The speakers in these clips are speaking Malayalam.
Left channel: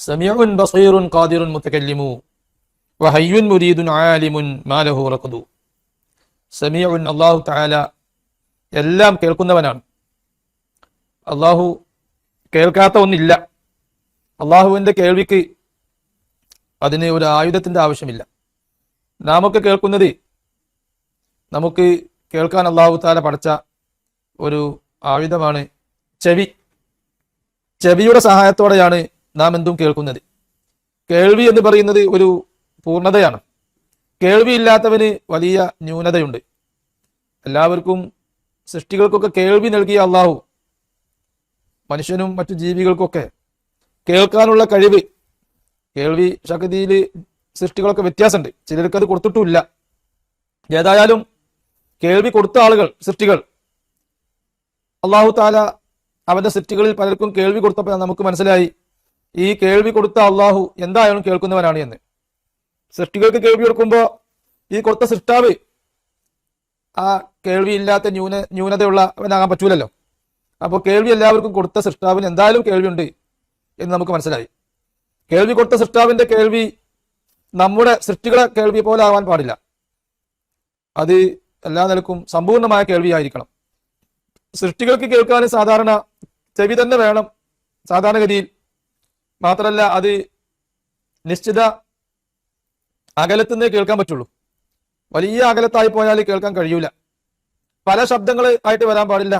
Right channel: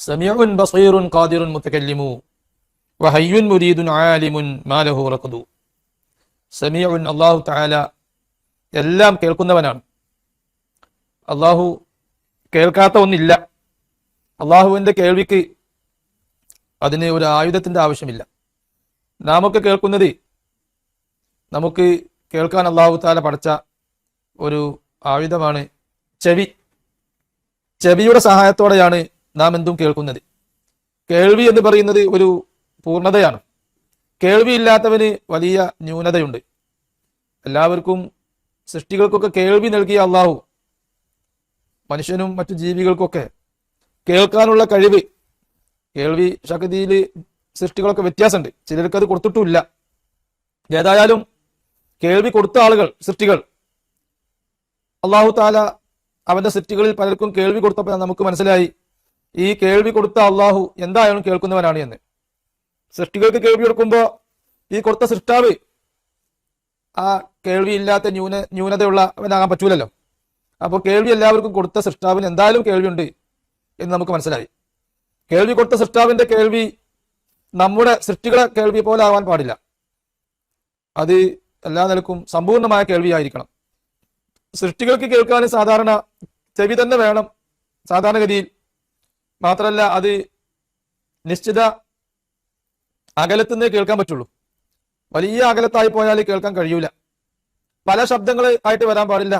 സമീഉൻ ബസീറുൻ ഖാദിറുൻ മുത്തകല്ലിമു വഹയ്യുൻ മുരീദുൻ ആലിമുൻ മാലഹു റഖദു സമീഉൻ അല്ലാഹു തആല എല്ലാം കേൾക്കുന്നവനാണ്. അള്ളാഹു കേൾക്കാത്ത ഒന്നില്ല അള്ളാഹുവിന്റെ കേൾവിക്ക് അതിന് ഒരു ആയുധത്തിന്റെ ആവശ്യമില്ല. നാമൊക്കെ കേൾക്കുന്നത് നമുക്ക് കേൾക്കാൻ അള്ളാഹു താല പഠിച്ച ഒരു ആയുധമാണ് ചെവി. ചെവിയുടെ സഹായത്തോടെയാണ് നാം എന്തും കേൾക്കുന്നത്. കേൾവി എന്ന് പറയുന്നത് ഒരു പൂർണതയാണ് കേൾവി ഇല്ലാത്തവന് വലിയ ന്യൂനതയുണ്ട്. എല്ലാവർക്കും സൃഷ്ടികൾക്കൊക്കെ കേൾവി നൽകിയ അള്ളാഹു. മനുഷ്യനും മറ്റു ജീവികൾക്കൊക്കെ കേൾക്കാനുള്ള കഴിവ്. കേൾവി ശക്തിയിൽ സൃഷ്ടികളൊക്കെ വ്യത്യാസമുണ്ട്. ചിലർക്ക് അത് കൊടുത്തിട്ടുമില്ല. ഏതായാലും കേൾവി കൊടുത്ത ആളുകൾ സൃഷ്ടികൾ. അള്ളാഹു താല അവന്റെ സൃഷ്ടികളിൽ പലർക്കും കേൾവി കൊടുത്തപ്പോൾ നമുക്ക് മനസ്സിലായി. ഈ കേൾവി കൊടുത്ത അള്ളാഹു എന്തായാലും കേൾക്കുന്നവനാണ് എന്ന്. സൃഷ്ടികൾക്ക് കേൾവി കൊടുക്കുമ്പോ ഈ കൊടുത്ത സൃഷ്ടാവ് ആ കേൾവി ഇല്ലാത്ത ന്യൂന ന്യൂനതയുള്ളവനാകാൻ പറ്റൂലല്ലോ. അപ്പോൾ കേൾവി എല്ലാവർക്കും കൊടുത്ത സൃഷ്ടാവിന് എന്തായാലും കേൾവിയുണ്ട് എന്ന് നമുക്ക് മനസ്സിലായി. കേൾവി കൊടുത്ത സൃഷ്ടാവിന്റെ കേൾവി നമ്മുടെ സൃഷ്ടികളെ കേൾവി പോലെ ആവാൻ പാടില്ല. അത് എല്ലാ നിലക്കും സമ്പൂർണമായ കേൾവിയായിരിക്കണം. സൃഷ്ടികൾക്ക് കേൾക്കാൻ സാധാരണ ചെവി തന്നെ വേണം സാധാരണഗതിയിൽ മാത്രമല്ല അത് നിശ്ചിത അകലത്തുനിന്നേ കേൾക്കാൻ പറ്റുള്ളൂ. വലിയ അകലത്തായി പോയാൽ കേൾക്കാൻ കഴിയൂല. പല ശബ്ദങ്ങൾ ആയിട്ട് വരാൻ പാടില്ല.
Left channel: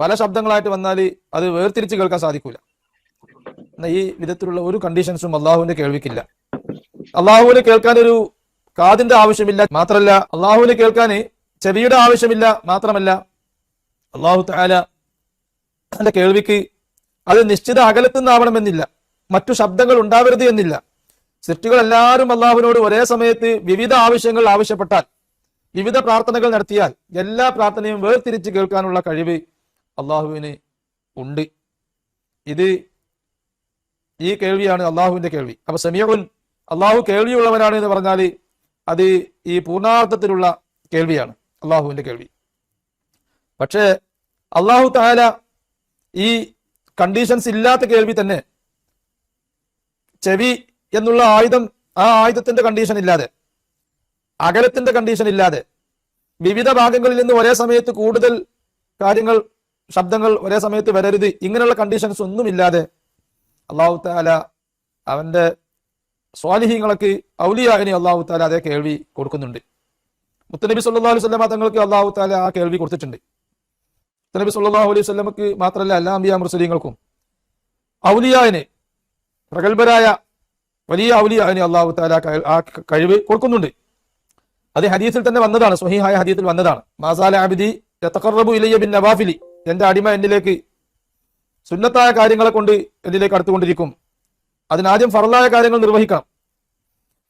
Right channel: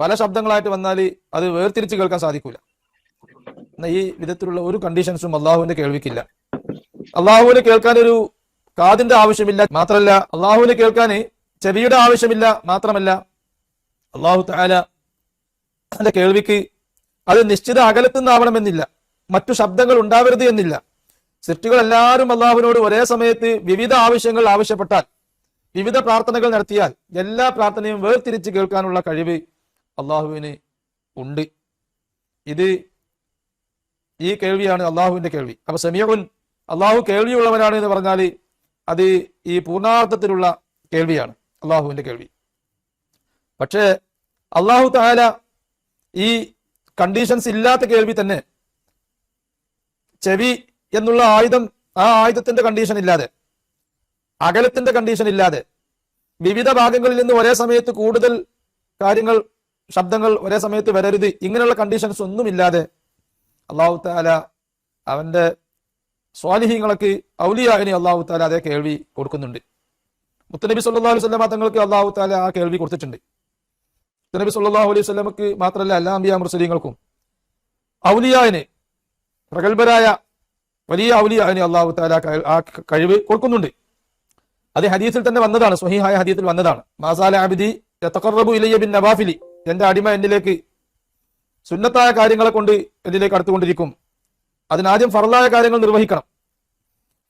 പല ശബ്ദങ്ങളായിട്ട് വന്നാൽ അത് വേർതിരിച്ച് കേൾക്കാൻ സാധിക്കൂല. എന്നാ ഈ വിധത്തിലുള്ള ഒരു കണ്ടീഷൻസും അള്ളാഹുവിനെ കേൾവിക്കില്ല. അള്ളാഹുവിന് കേൾക്കാൻ ഒരു കാതിന്റെ ആവശ്യമില്ല മാത്രമല്ല അള്ളാഹുവിന് കേൾക്കാൻ ചെവിയുടെ ആവശ്യമില്ല മാത്രമല്ല അള്ളാഹു താല കേൾവിക്ക് അത് നിശ്ചിത അകലത്തു നിന്നാവണമെന്നില്ല. മറ്റു ശബ്ദങ്ങൾ ഉണ്ടാവരുത് എന്നില്ല. സൃഷ്ടികൾ എല്ലാവരും അള്ളാഹുവിനോട് ഒരേ സമയത്ത് വിവിധ ആവശ്യങ്ങൾ ആവശ്യപ്പെട്ടാൽ വിവിധ പ്രാർത്ഥനകൾ നടത്തിയാൽ എല്ലാ പ്രാർത്ഥനയും വേർതിരിച്ച് കേൾക്കാനുള്ള കഴിവ് അള്ളാഹുവിന് ഉണ്ട്. ഇത് ഈ കേൾവിയാണ് അള്ളാഹുവിന്റെ കേൾവി. അപ്പൊ സമീറുൻ അള്ളാഹു കേൾവിയുള്ളവനാണ് എന്ന് പറഞ്ഞാൽ അത് ഈ പൂർണാർത്ഥത്തിലുള്ള കേൾവിയാണ് അള്ളാഹുവിന്റെ കേൾവി. പക്ഷേ അള്ളാഹു താല ഈ കണ്ടീഷൻസ് ഇല്ലാത്ത കേൾവി തന്നെ. ചെവി എന്നുള്ള ആയുധം ആ ആയുധത്തിന്റെ കണ്ടീഷൻ ഇല്ലാതെ അകലത്തിന്റെ കണ്ടീഷൻ ഇല്ലാതെ വിവിധ ഭാഗങ്ങളിൽ നിന്ന് ഒരേ സമയത്ത് കൂടുതൽ കാര്യങ്ങൾ ശബ്ദങ്ങൾ ഒരേ സമയത്ത് വരരുത് ഇങ്ങനെയുള്ള കണ്ടീഷൻസ് ഒന്നും ഇല്ലാതെ അള്ളാഹു താല അവന്റെ സ്വാലിഹ്യങ്ങൾക്ക് ഔലിയാകനെ അള്ളാഹു താല അതേ കേൾവി കൊടുക്കുന്നുണ്ട്. മുത്തനബി സല്ലാ സ്വലമ തങ്ങൾക്ക് അള്ളാഹു താല ആ കേൾവി കൊടുത്തിട്ടുണ്ട്. മുത്തനബി സല്ലാഹു അലൈഹി സ്വലമക്ക് മാത്രമല്ല എല്ലാ അമ്പിയ മുസ്ലിങ്ങൾക്കും ഔലിയായിന് പ്രഗത്ഭരായ വലിയ ഔലിയായിന് അള്ളാഹു താല ആ കഴിവ് കൊടുക്കുന്നുണ്ട്. അത് ഹദീസിൽ തന്നെ വന്നതാണ് സ്വഹീഹായ ഹദീസിൽ വന്നതാണ്. മാസാല അബിദി യതഖറബു ഇലയ്യ ബിൻ നവാഫിലി എന്റെ അടിമ എന്നിലേക്ക് സുന്നത്തായ കാര്യങ്ങളെ കൊണ്ട് എന്നിലേക്ക് അടുത്തുകൊണ്ടിരിക്കും. അതിനാദ്യം ഫറലായ കാര്യങ്ങൾ നിർവഹിക്കണം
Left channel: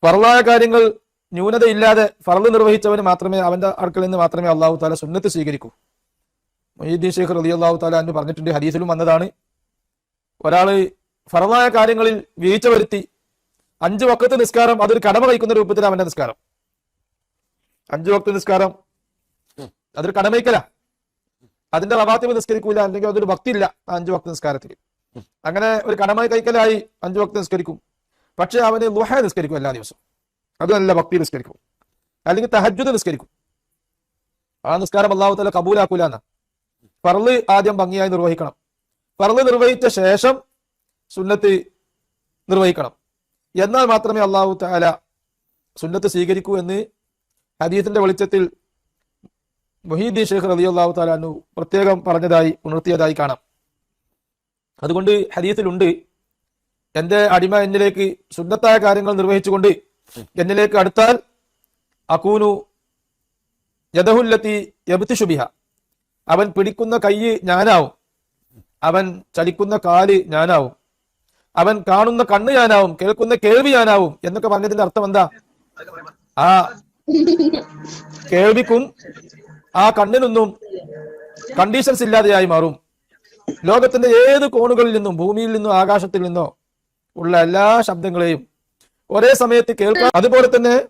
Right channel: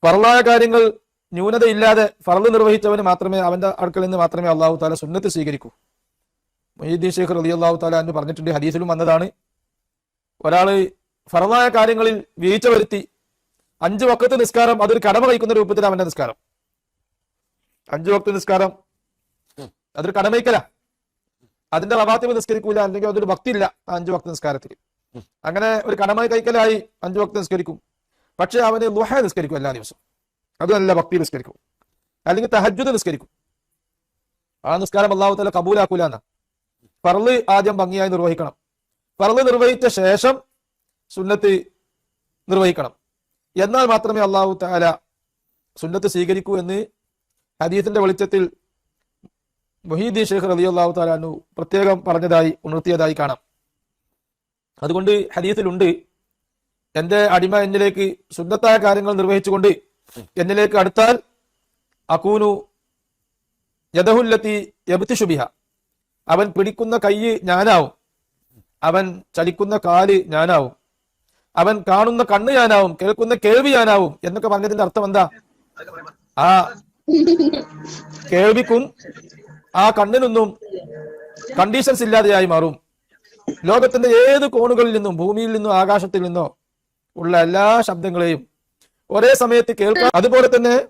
ഫറലായ കാര്യങ്ങൾ ന്യൂനതയില്ലാതെ ഫറൽ നിർവഹിച്ചവന് മാത്രമേ അവന്റെ അടുക്കൽ നിന്ന് മാത്രമേ അള്ളാഹു താല സുന്നത്ത് സ്വീകരിക്കൂ. മൊയ്യുദ്ദീൻ ശേഖർ അലി അള്ളാഹു പറഞ്ഞിട്ടുണ്ട് ഹദീസിലും വന്നതാണ്. ഒരാൾ ഫറവായ കാര്യങ്ങളിൽ വീഴ്ച വരുത്തി അഞ്ചു വക്കത്ത് നിസ്കാരം അതൊരു കടമ കഴിക്കുന്ന രൂപത്തിൽ അവന്റെ നിസ്കാരം. അഞ്ചു വക്കത്ത് നിസ്കാരം അതൊരു കടമയ്ക്കല അതിന്റെ റവാത്തിവ് നിസ്കരിക്കൂല അല്ലെങ്കിൽ അതൊരു ഭക്തിയില്ല അഞ്ചു വക്ത നിസ്കാരത്തിൽ അങ്ങനെ ഒരു കടമ കൈക്കലായി അഞ്ചു വക്ത നിസ്കരിക്കും. പക്ഷെ അവന് ലുഹ നിസ്കരിക്കും എല്ലാ ദിവസവും. അതല്ല ഭക്തി നിസ്കരിക്കും. അല്ലെങ്കിൽ തഹജ്ജുദ് നിസ്കരിക്കും. ആ നിസ്കാരം അള്ളാഹുത്തല കബൂലാക്കൂല എന്നാ പറൾ ആദ്യം ഭംഗിയായി നിർവഹിക്കണം. പറൾ നിർവഹിച്ച ശേഷം സുന്നത്ത് നിർവഹിക്കണം. എന്നാൽ മാത്രമേ അള്ളാഹു താല സുന്നത്ത് സ്വീകരിക്കൂ എന്ന് ഹദീസിന്റെ വെളിച്ചത്തിൽ മൊഹീദ്ദീൻ ഷെയ്ഖ് റലി അള്ളാഹു താലാന്നു പ്രത്യേകം പറഞ്ഞതായി ഉണർത്തിയതായി കാണാം. അതുകൊണ്ട് ഹദീസിലുണ്ട് എന്റെ അടിമ എന്നിലേക്ക് സുന്നത്തായ കാര്യങ്ങൾ നിർവഹിച്ചുകൊണ്ട് എന്നിലേക്ക് അടുത്താൽ അക്കൂനു യദഹുല്ലത്തി യബത്തിഷുബിഹ അവൻ പിടിക്കുന്ന കൈ ഞാനാവും. അവൻ ചലിക്കുന്ന കാൽ ഞാനാവും. അവൻ കാണുന്ന കണ്ണ് ഞാനാവും. കേൾക്കുന്ന കേൾവി ഞാനാവും. എന്നൊക്കെ പറഞ്ഞതിന്റെ അർത്ഥം എന്താ? ആ. കേൾവിക്കും ആ കണ്ണിനൊന്നും കണ്ടീഷൻസ് ഇല്ലാതെയായി മാറും. ലോകത്തിന്റെ ഏത് കോണുകളിൽ നിന്നും ഭൂമിയിൽ നിന്നും ആകാശത്തിൽ നിന്നോ ഉള്ള എല്ലാ ശബ്ദങ്ങളെയും ഒരേ സമയത്ത് കേൾക്കാം അതുപോലെ തന്നെ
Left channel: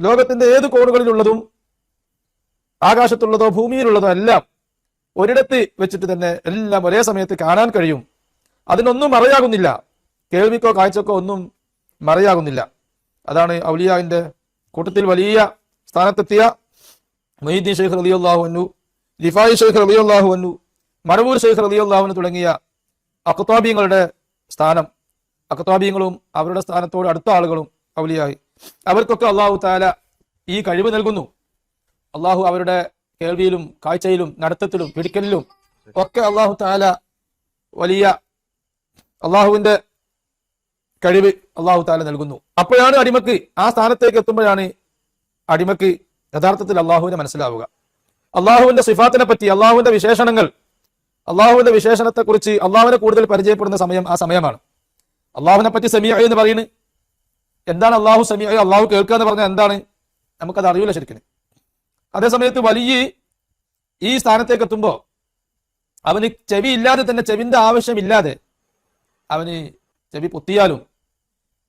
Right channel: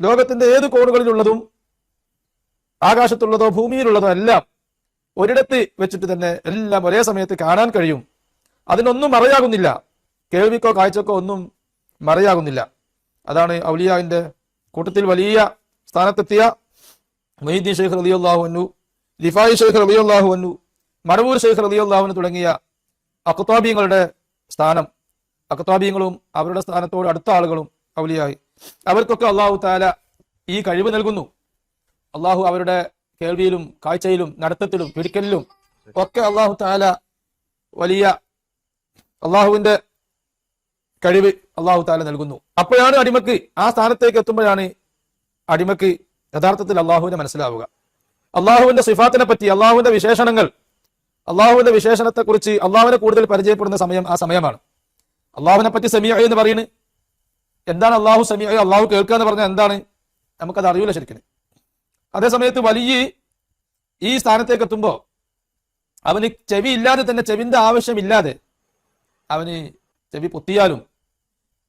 ലോകത്തിന്റെ ഏത് കോണുകളിലുള്ളതും ആകാശത്തുള്ളതോ ഭൂമിയിലുള്ളതോ എല്ലാം ഒരിടത്ത് വെച്ചിട്ട് തന്നെ എല്ലാം ഒരേ സമയത്ത് കാണാൻ കഴിയും. അതിനൊന്നും മറയാകുന്നില്ല. കേൾവിക്കോ കാഴ്ചക്കോ ഒന്നും മറയാകുന്നില്ല. അതാണ് ഔലിയാവിന്റെ കൂട്ടത്തിൽ വലിയ സ്ഥാനത്തെത്തിയ വൈദ്യ ഷെയ്ഖ് റളിയല്ലാഹുവിനു ലിഫായി ഷെയ്ഖ് റളിയല്ലാഹുവിനു മടവൂർ ഷെയ്ഖ് റളിയല്ലാഹുവിനു തുടങ്ങിയ അഖത്താബിയങ്ങളുടെ സ്ഥാനം. അഖത്താബിയങ്ങളും അവരുടെ സ്ഥാനത്തോട് അടുത്ത ആളുകളും ഔലിയായി. അവർക്കൊക്കെ അള്ളാഹു താല ഈ കഴിവ് നൽകുന്നു. അള്ളാഹു അവരുടെ കേൾവിയിലും കാഴ്ചയിലും നടത്തത്തിലും പിടിക്കലിലും ഒക്കെ അള്ളാഹു താല വലിയ അള്ളാഹുവിന്റെ കഴിവ് അള്ളാഹു താല നൽകുന്നു. അപ്പോഴാണ് അടിമക്ക് ആ സ്ഥാനത്തേക്ക് എത്തുമ്പോഴാണ് അടിമക്ക് യഥാർത്ഥത്തിൽ അള്ളാഹുവിനെ മനസ്സിലാവുക. അള്ളാഹുവിന്റെ സിഫാത്തിനെ പറ്റി അള്ളാഹുവിന്റെ വിശേഷണങ്ങൾ അള്ളാഹുവിന്റെ വിശേഷണത്തെ കുറിച്ച് അള്ളാഹുവിനെ കൂടുതൽ പരിചയപ്പെടുന്ന സമയം ആ സമയമാണ്. അള്ളാഹുവിനെ പറ്റി സെമിയ എന്ന് പറയുന്നത് എന്താണ് അള്ളാഹു സെമിയ അള്ളാഹു കേൾക്കുക എന്ന് പറഞ്ഞാൽ എന്താണ്? നമുക്കത് അറിയില്ല ശരിക്കും. അതേ സമയത്ത് വലിയ ഈ സ്ഥാനത്തേക്ക് എത്തുമ്പോ അവന് ചെവി ഇല്ലാതെ തന്നെ ചെവിന്റെ ആവശ്യമില്ലാതെ അവന് ചെവി പൊത്തിയാലും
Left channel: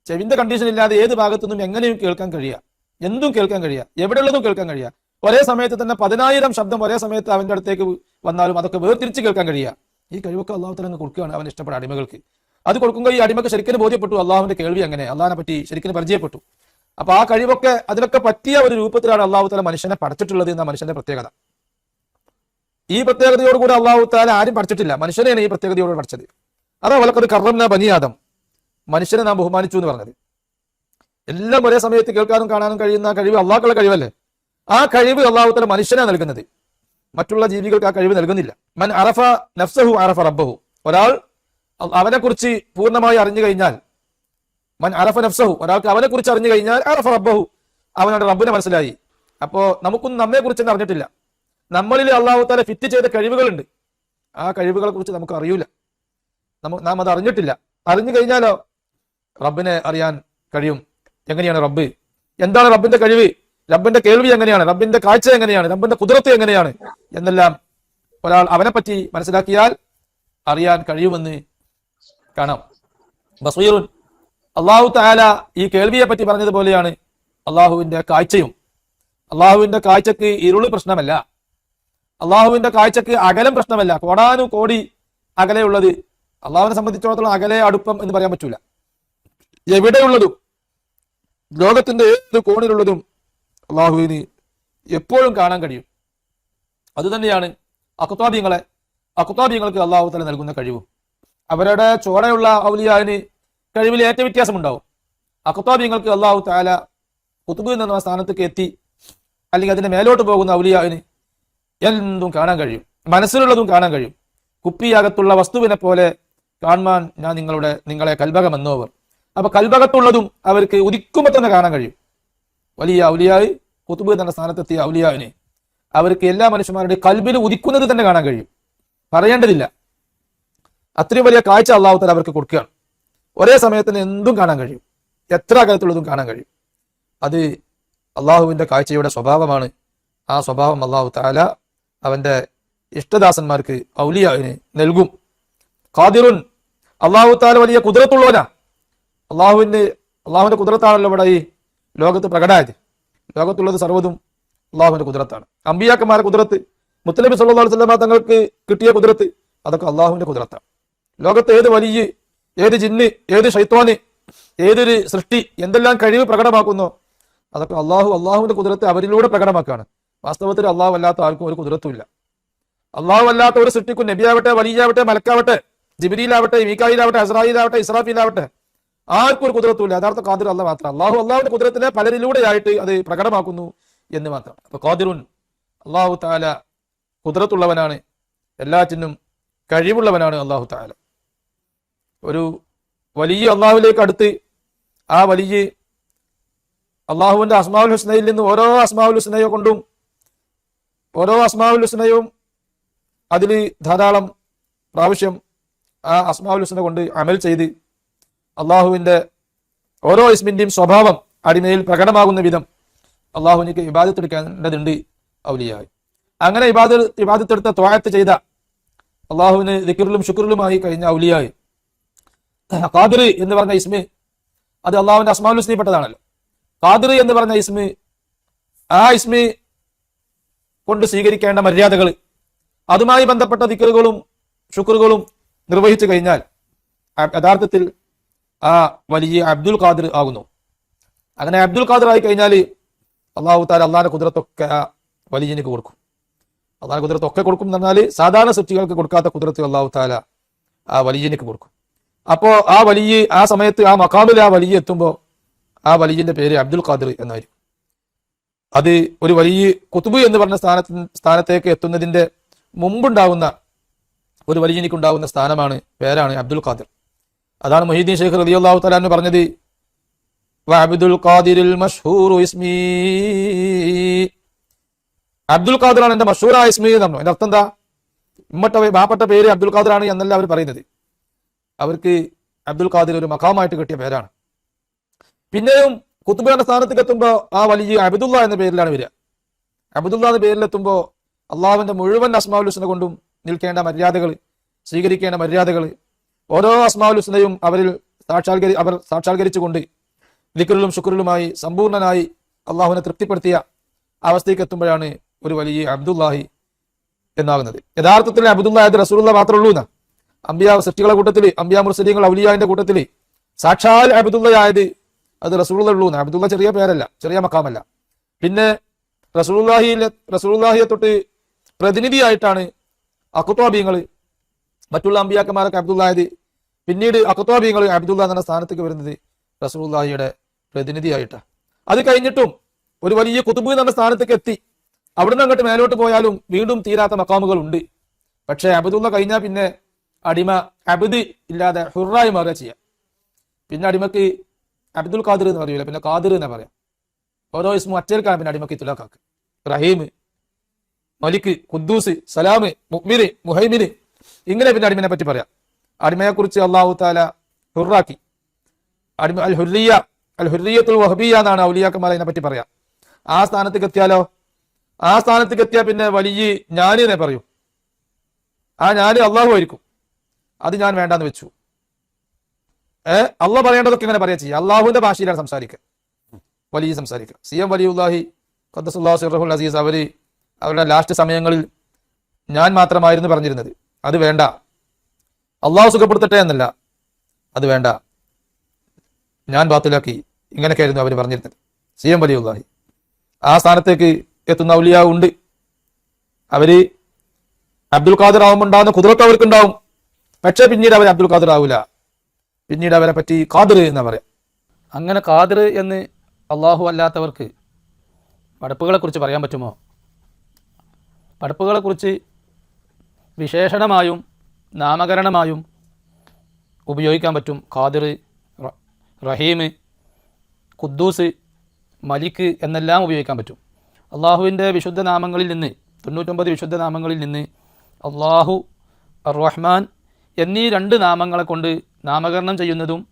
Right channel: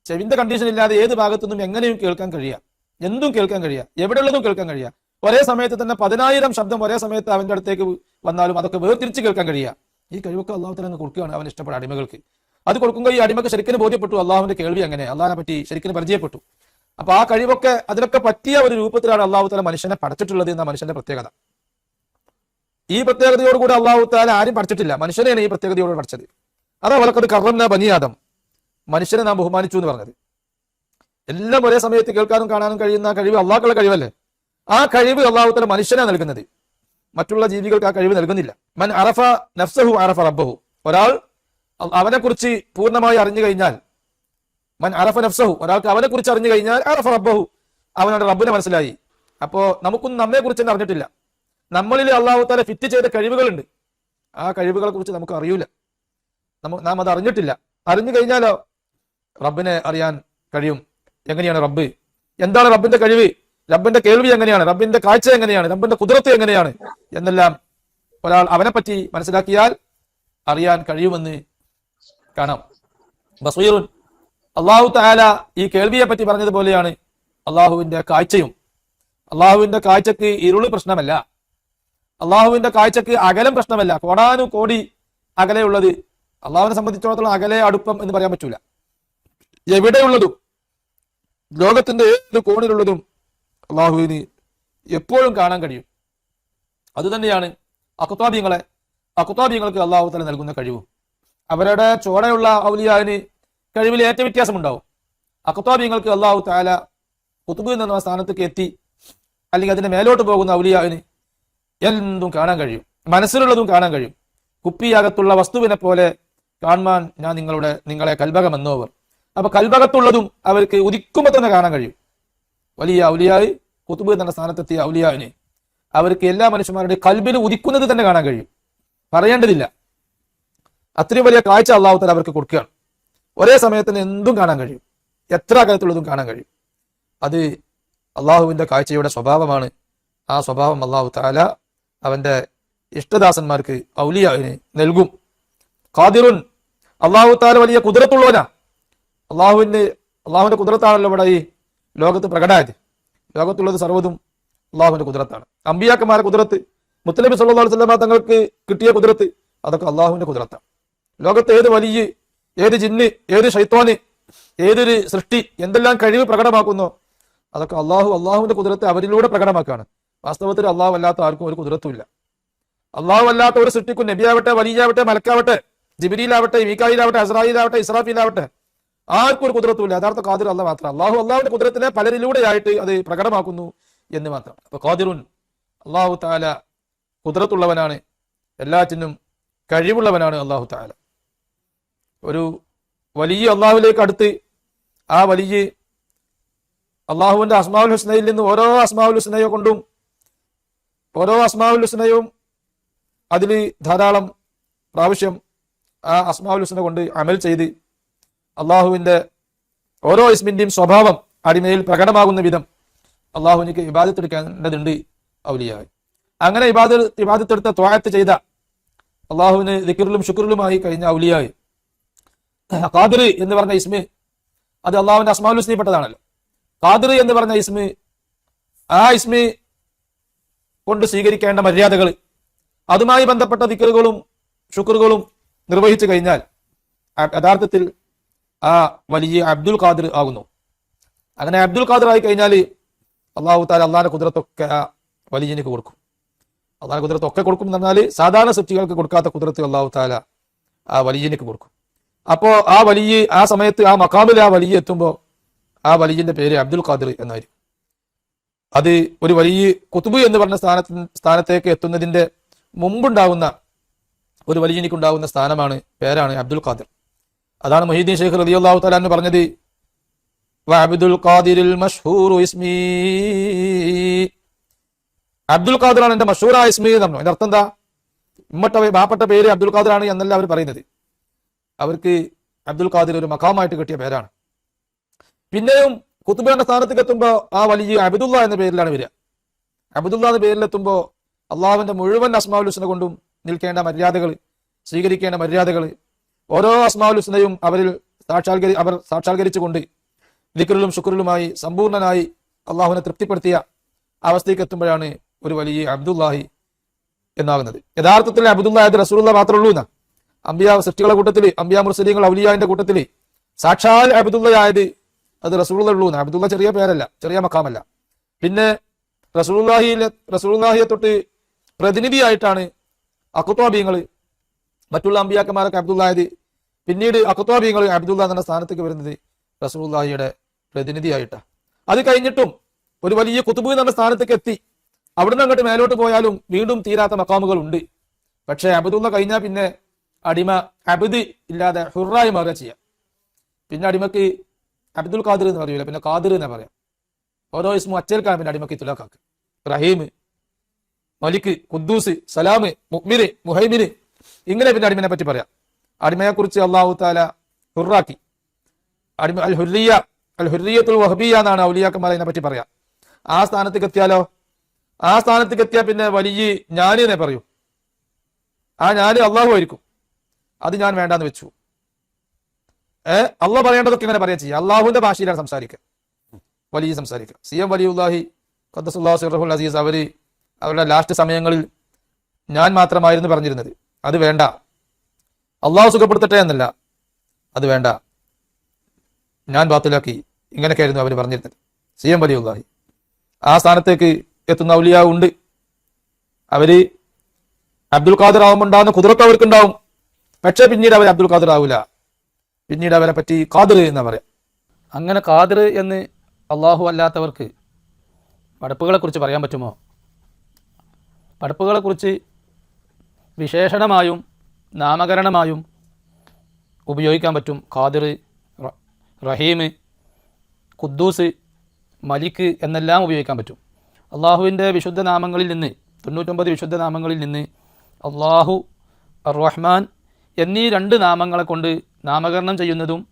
ചെവിന്റെ കണ്ടീഷൻ ഇല്ലാതെ ഏത് ഭാഗത്തുനിന്നും എങ്ങനെയും കേൾക്കാൻ കഴിയുക എന്തും കേൾക്കാൻ കഴിയുക എവിടെയുള്ളതും കേൾക്കാൻ കഴിയുക ഒരേ സമയത്ത് തന്നെ പതിനായിരം ശബ്ദം ഒരേ സമയത്ത് അവന്റെ അടുത്തേക്ക് വന്നാലും അതൊക്കെ വേർതിരിച്ച് കേൾക്കാൻ കഴിയുക ഈ കഴിവൊക്കെ അള്ളാഹുത്തിൽ നിന്ന് കൊടുക്കുകയാണ് അവൻ ഇഷ്ടപ്പെട്ട അടിമകൾക്ക്. അത് കൊടുക്കുമ്പോൾ ഈ അടിമക്ക് ശരിക്കും ബോധ്യപ്പെട്ടു. അള്ളാഹുവിന്റെ കേൾവി അങ്ങനെ. അള്ളാഹിനെ പറ്റി ശരിക്കും പരിചയപ്പെട്ടു. അപ്പൊ ആ കഴിവൊക്കെ അതിലൊക്കെ പറ്റിയ ഒരു രൂപത്തിലാണ് അള്ളാഹു താല മനുഷ്യനെ പഠിച്ചിട്ടുള്ളത് എന്ന മനുഷ്യന്റെ പ്രത്യേകത. ഈ പ്രത്യേകതയോടുകൂടി അള്ളാഹു താല ആരും പഠിച്ചിട്ടില്ല. മനുഷ്യനെയാണ് ഈ പ്രത്യേകതയോട് പഠിച്ചത്. അതേ വളക്കത് കർവന്ന ബനിയാദം മനുഷ്യനെ നാം ബഹുമാനിച്ചു എന്ന് പറഞ്ഞത്. എല്ലാം ഒരേ സമയത്ത് കേൾക്കാനും കാണാനും കഴിയുന്ന കഴിവ് അള്ളാഹുള്ള കഴിവല്ലേ? ആ കഴിവ് അള്ളാഹു താല മനുഷ്യനെ നൽകുന്നത്. മറ്റുള്ള ജീവികൾക്ക് ആ കഴിവ് നൽകുന്നില്ല. മൻ അറഫ നഫ്സഹു അറഫ റബ്ബഹു. ഒരാൾ അവനെ കുറിച്ച് പൂർണമായി അറിഞ്ഞു കഴിഞ്ഞാൽ മൻ അറഫ നഫ്സഹു ഒരാൾക്ക് അവനെ കുറിച്ച് അറിഞ്ഞു കഴിഞ്ഞാൽ അറഫ റബ്ബഹു അവനോട് റബ്ബിനെ മനസ്സിലായി. അപ്പോ നമുക്കൊന്നും നമ്മെ കുറിച്ചൊന്നും അറിഞ്ഞിട്ടില്ല. നമ്മളിൽ അള്ളാഹു താല ഫിറ്റ് ചെയ്ത കഴിവുകളുണ്ട്. ആ കഴിവുകളെ കുറിച്ച് നമുക്ക് അറിയൂല. നമുക്ക് നാം അത് അറിഞ്ഞിട്ടില്ല. അറിഞ്ഞു കഴിഞ്ഞാലോ? റബ്ബിനെ അറിയാൻ കഴിയും. എങ്ങനെയാണ് റബ്ബ്? എന്താണ് റബ്ബിന്റെ കഴിവ്? റബ്ബിന്റെ കേൾവി എങ്ങനെയാണ്? റബ്ബിന്റെ കാഴ്ച എങ്ങനെയാണ്? റബ്ബിന്റെ കുതിരത്ത് എങ്ങനെയാണ്? എന്നെല്ലാം ഒരാൾ അവനെ പറ്റി മനസ്സിലാക്കിയാൽ അറിയാൻ കഴിയുമെന്ന് കാണാം. ബസീറുൻ അള്ളാഹു താല ഈ കേൾവിയെ പറ്റി പറഞ്ഞതുപോലെയാണ് അള്ളാഹുവിന്റെ കാഴ്ചയും. അള്ളാഹുവിന്റെ കാഴ്ചക്ക് ഇരുളി പ്രശ്നമല്ല. അള്ളാഹുവിന്റെ കാഴ്ചക്ക് അകലം പ്രശ്നമല്ല. കോടാനും കോടി അകലെയുള്ളത് അള്ളാഹുവിനെ സംബന്ധിച്ചിടത്തോളം അകലെ അടുപ്പം എന്ന് പറയാൻ പറ്റൂല. എവിടെയുള്ളതും ലോകത്തിന്റെ ഏത് കോണിലുള്ളതും അള്ളാഹുവിന് എപ്പോഴും കാണാൻ കഴിയും. അത് തന്നെയാണ് അക്കുത്താബിയങ്ങളെ അക്കുത്താബിയങ്ങൾക്ക് അള്ളാഹു തല നൽകുന്ന കഴിവും. അവരുടെ ചുവടെയുള്ള ഔലിയാവിന് കഴിവിൽ ഏറ്റവും വ്യത്യാസം ഉണ്ടാവും അക്കുത്താബിയങ്ങൾക്ക് അള്ളാഹു താല കുത്തുബ് എന്ന സ്ഥാനത്തേക്ക് എത്തി. അല്ലെങ്കിൽ അതിന്റെ മേലോട്ട് പോകുന്ന ഔലിയാവിന് എന്തും കാണാൻ കഴിയും. മനസ്സിലുള്ളതും കാണാൻ കഴിയും. കുപ്പിയകത്തുള്ള വസ്തുവിനെ പോലെ കാണുവാൻ ഞാൻ നിങ്ങളുടെ നിങ്ങളെ കൽഭകമെന്നോവർ അപ്പൊ കൽഭകത്തുള്ളതും അവർക്ക് ഉദിക്കുമ്പോൾ തന്നെ കാണാൻ കഴിയും. വലിയ ഔലിയാവ് കുത്തുബ് എന്ന സ്ഥാനത്തെത്തിയ ഔലിയാവിനെ അവർക്ക് എല്ലാ മനുഷ്യന്മാരുടെ കൽബിന് ഉദിക്കുന്നത് തന്നെ കാണാൻ കഴിയും. പറയേണ്ടതില്ല. അത്രയും വലിയ കാഴ്ച അള്ളാഹുത്തല അവർക്ക് കൊടുക്കുകയാണ്. ഒരേ സമയത്തിൽ എന്തും കാണാൻ കഴിയും. എത്ര അകലത്തുള്ളതും കാണാൻ കഴിയും. അത് അള്ളാഹുവിന്റെ കാഴ്ചയുടെ സ്വഭാവമാണ്. ആ സ്വഭാവം അള്ളാഹു താല അവന്റെ ഇഷ്ടദാസന്മാർക്ക് ഔലിയാവിനെ നൽകും. ഖാദിറുൻ അള്ളാഹു താല വലിയ കുതിരത്തുള്ളവനാ. അള്ളാഹുവിന്റെ അള്ളാഹുവിന്റെ കുതിരത്താണല്ലോ ഇവിടെ ഈ ലോകത്ത് പ്രകടമായത്. ലോകത്തുള്ളത് സർവതും അള്ളാഹുവിന്റെ കുതിരത്താണ്. അമ്പിയാക്കന്മാരെ കുതിരത്ത് മുത്തലബി സല്ലാ വസ്ലമ തങ്ങൾക്ക് കിട്ടിയ കുതിരത്ത് അതൊക്കെ അള്ളാഹുവിന്റെ കുതിരത്താണ്. ലോകത്ത് ഏത് വലിയ ഏത് ജിന്ന് ഏത് ഷൈത്വാന് ഏതൊരു സൃഷ്ടി എന്തെല്ലാം കഴിവ് പ്രകടമാക്കുന്നു? അതൊക്കെ അള്ളാഹു അള്ളാഹുവിന്റെ കുതിരത്ത് അവരിലൂടെ പ്രകടമാക്കുകയാണ്. വാസ്തവത്തിൽ അള്ളാഹു അല്ലാത്ത ആർക്കും ഒരു കുതിരത്തുമില്ല. അള്ളാഹു അല്ലാത്ത ഒരു സൃഷ്ടിക്കും നബിയാവട്ടെ വലിയാവട്ടെ മലക്കാവട്ടെ ജിബിരിയിലാവട്ടെ മീക്കായിലാവട്ടെ അസ്രായിലാവട്ടെ ഇസ്രാഫിയിലാവട്ടെ ആർക്കും ഒരു കുതിരത്തുമില്ല. യഥാർത്ഥ കാതിർ അല്ല മാത്രം. അള്ളാഹു അള്ളാഹുവിന്റെ കുതിരത്തിനെ പലരിലൂടെയായിട്ട് അത് പ്രകടമാക്കുന്നു എന്ന് മാത്രം. അപ്പൊ കാതിറുൻ അള്ളാഹു താല കുതിരത്തുള്ളവനാണ്. എല്ലാറ്റിനും കഴിവുള്ളവനാണ് അള്ളാഹു താല ഒരു വലിയ അള്ളാഹുലേക്ക് അടുത്ത് ആ വലിയ അള്ളാഹുവിന്റെ അസ്മാവുൽ ഹുസ്നയിൽ നിന്ന് ഓരോ അസ്മാവുൽ ഹുസ്നയോ കൊണ്ടും ഓരോ അസ്മാവുൽ ഹുസ്നയും അതിൽ ധാരാളം പ്രാവശ്യം ആ അസ്മാവുൽ ഹുസ്ന കൊണ്ട് അമൽ ചെയ്ത് അള്ളാഹുവിന്റെ ഓരോ ഇസ്മിന്റെയും സ്വഭാവം അടിമയിൽ പ്രകടമാകുന്ന വിധം അള്ളാഹുവിനേക്ക് വിവാദത്തെടുക്കേണ്ടതുണ്ട് ഔലിയായി. അങ്ങനെ ഇബാദ ഇബാദത്തെടുത്ത ത്വായത്ത് ചെയ്ത അള്ളാഹുവിന് ദിക്കറിലും ശുക്റിലുമായി കഴിഞ്ഞ ഔലിയായി. ഖാദിർ എന്ന് പറഞ്ഞ ഇസ്മി അത് അള്ളാഹുവിന്റെ അസ്മാവുൽ സ്നേഹപ്പെട്ടതാണല്ലോ ഖാദിർ എന്ന് പറഞ്ഞ ഇസ്മി ആ ഇസ്മി കൊണ്ട് സ്വീകരിക്കേണ്ട മര്യാദകൾ അതുമായി ബന്ധപ്പെട്ട ദിക്കറുകളും ശുക്റുകളും നിർവഹിച്ചു കഴിഞ്ഞാൽ യഥാർത്ഥത്തിൽ ആ വലിയ അബ്ദുൽ ഖാദിർ ആകുന്നു അങ്ങനെ അബ്ദുൽ ഖാദിർ ആയി കഴിഞ്ഞാൽ അള്ളാഹു താല അള്ളാഹിന്റെ കുതിരത്തൊക്കെ ആ വലിയനിക്ക് കൊടുക്കും. അള്ളാഹ് കുതിരത്തൊക്കെ കൊടുക്കും എന്ന് പറഞ്ഞാൽ സാധാരണ സൃഷ്ടികൾക്ക് കൊടുക്കാത്ത കുതിരത്ത് അള്ളാഹു താല ആ വലിയനിക്ക് കൊടുക്കും. അപ്പോ ആ വലിയ ആ സമയത്ത് ആ മക്കാമിൽ ആ വലിയ എത്തുമ്പോൾ ആ വലിയന്റെ പേര് അബ്ദുൽ ഖാദിർ എന്നായിരിക്കും. അത് ഒരു വലിയ കുത്തുബ് എന്ന് പറഞ്ഞ സ്ഥാനത്ത് സ്ഥാനത്തേക്ക് എത്തുന്നതിന്റെ മുമ്പുണ്ടാവുന്ന ഒരു വലിയനിക്കുണ്ടാകുന്ന സ്ഥാനമാണ് പേരാണ് അബ്ദുൽ ഖാദിർ. അതാണ് മൊഹീദ്ദീൻ ഷെയ്ഖ് റളിയല്ലാഹു അള്ളാഹു തലാൻ പറഞ്ഞത് അബ്ദുൽ ഖാദിറിൽ ഇസ്മി. അബ്ദുൽ ഖാദിറാണ് എന്റെ മഷൂറായ ഇസ്മി എന്ന് പറഞ്ഞു. അതിനർത്ഥം എന്താ? ഇമ്മട്ട ബാപ്പെട്ട പേര് അബ്ദുൽ ഖാദിറാണ് എന്നല്ല അവർ പറയുന്നത്. അവർക്ക് അബ്ദുൽ ഖാദിർ ഒരു മക്കാമായിട്ട് കിട്ടിയ പേരാണ്. പിന്നെയും കുത്തുബാന്റെ സ്ഥാനത്തേക്ക് എത്തുമ്പോ ആ വലിയ അബിദുള്ള എന്ന പേരിലാണ് വരിക. അബിദുള്ള എന്ന പേരിലെത്തുമ്പോൾ അള്ളാഹുവിന്റെ മുഴുവൻ അസ്മാഉൽ ഹുസ്ന കൊണ്ടും നിൽക്കേണ്ട മര്യാദകൾ സ്വീകരിക്കേണ്ട മര്യാദകൾ ഓരോ അസ്മാഉൽ ഹുസ്നയും അവരിൽ സാക്ഷാത്കരി അവർ സാക്ഷാത്കരിച്ചുകൊണ്ട് ദിക്കറിലും ശുക്രിലുമായി സമ്പൂർണനായി അള്ളാഹുവിനെ തൃപ്തിപ്പെടുത്തിയ അവസ്ഥയ്ക്ക് എത്തുമ്പോഴാണ് ഒരു വലിയ അബ്ദുല്ലാഹി എന്നാകുന്നത്. യഥാർത്ഥത്തിൽ അബ്ദുല്ലാഹിന്റെ റസൂലുള്ള മാത്രമേ ഉള്ളൂ എന്നാണ്. അമ്പിയ സൃഷ്ടികളുടെ കൂട്ടത്തിൽ അമ്പിയ മുസ്ലിങ്ങൾ ഔലിയാന്റെ കൂട്ടത്തിൽ. സാക്ഷാൽ അബ്ദുള്ളയായത് അത് എന്നാണ്. അബ്ദുള്ള ചെറിയ പേരല്ല ചെറിയ മക്കാമല്ല. പിന്നെ റസൂള്ളാഹിയിലെ റസൂള്ളാഹിയെ തൊട്ട് പ്രതിനിധിയായിട്ടാണ് അക്കുത്തോബിയങ്ങൾ മറ്റുള്ള അമ്പിയാക്കന്മാരൊക്കെ അബ്ദുള്ളായത്. പിന്നീട് അക്കുത്തോബിയങ്ങൾ അബ്ദുള്ള എന്ന സ്ഥാനത്തേക്ക് വരുന്നത് റസൂള്ളാഹിയുടെ പ്രതിനിധിയായിട്ടാണ്. അത് കഴിഞ്ഞിട്ടും ഒരു വലിയ കുത്തുബ് എന്ന സ്ഥാനത്തേക്ക് എത്തി. അവിടുന്ന് അങ്ങോട്ട് മേലോട്ട് പോയാലും വീണ്ടും തീരാത്ത മക്കാമുകൾ ഉണ്ട് പക്ഷെ അബ്ദുള്ള കഴിഞ്ഞാൽ പിന്നെ അടിമ അബദ് ഇല്ലാതെ ഹുറായി മാറുക ചെയ്യാം പിന്നെ അടിമക്ക് അബ്ദുൽ ഖാദിർ എന്ന് പറയില്ല പിന്നെ ഖാദിർ എന്ന് പറയാം. ഓരോ ഇസ്മു അച്ചേർക്കാണ് പിന്നെ അടിമക്ക് തുലാക്കാക്ക് റഹീം മലിക്ക് കുദ്ദൂസ് സലാമ് മുഹ്മിര് മുഹൈമിര് ഇങ്ങനെ പിന്നെ അടിമനെ പറ്റി പറയാം. അടിമയെ കുറിച്ച് അള്ളാഹു താല ഹുറാക്കി. അടിമ അൽ ഹുറിയ അൽ ഹുറിയത്തുൽ വഹബിയ എന്നാണ് ഔലിയാക്കന്മാർ അതിനെ പറ്റി പറയാം. ആ സ്ഥാനത്തേക്ക് എത്തിയാലോ? ആ സ്ഥാനത്തേക്ക് എത്തിയാൽ പിന്നെ വലിയ ഞാനിനെ പറയൂ. ആ ഞാൻ അള്ളാഹു ആയിരിക്കും. അത് ഞാൻ വേണ്ടാന്ന് വെച്ചു. ഏ? അള്ള പറയേണ്ടതൊക്കെ ഇങ്ങനെ പറയാ ചെയ്യാം. അള്ളാഹുവിന്റെ ഭാഷയിലാണ് സംസാരിക്കുക. വലിയ സംസാരിക്കുക. സി എം വലിയുല്ലാഹി ഖദ്ദസുല്ലാഹു സിർറഹുൽ അസീസ് അവർ അവരുടെ ലാസ്റ്റ് സമയങ്ങളിൽ ഞാൻ മാത്രമായിരുന്നു പറഞ്ഞിരുന്നത്. അത് വേണ്ട. അള്ളാഹു സുഖപ്പെടുത്തട്ടെ എന്നല്ല. അത് വേണ്ട. ഞാൻ ബാത്തിലാക്കി. ഇങ്ങനെയൊക്കെയായിരുന്നു അവർ പറഞ്ഞിരുന്നത്. സി എം വലിയുല്ലാഹി ആ സ്ഥാനത്തേക്ക് എത്തുന്ന ഔലിയാവ് ഉണ്ട് അവർ അബ്ദുൽ ഖാദർ ആവുമ്പോണ്ടാവുന്ന കുതിരക്ക് അവർക്കുണ്ടാവും പക്ഷെ പിന്നീട് അവർ അബ്ദുൽ ഖാദർ ആവില്ല പിന്നീട് അവനെ പറ്റി ഖാദർ എന്ന് പറയാം. അങ്ങനെ ഖാദർ എന്ന് അള്ളാഹു അല്ലാത്തവർക്ക് പടപ്പുകളെക്കുറിച്ച് പറയാൻ പറ്റുമോ? പടപ്പുകളെക്കുറിച്ച് വിശേഷണമായും നാമകരണമായും ഉപയോഗിക്കാൻ പറ്റും ഖാദിർ റഹീം ഖുദ്ദൂസ് മലിക്ക് എന്നെല്ലാം ഉപയോഗിക്കാൻ പറ്റും. അള്ളാഹുവിന്റെ വിശുദ്ധ നാമങ്ങളിൽ നിന്ന് തൊണ്ണൂറ്റൊമ്പത് വിശുദ്ധ നാമങ്ങളിൽ നിന്ന് അള്ളാഹു റഹ്മാൻ എന്നീ രണ്ട് നാമങ്ങളെ കൊണ്ട് നാമകരണം ചെയ്യുന്നതും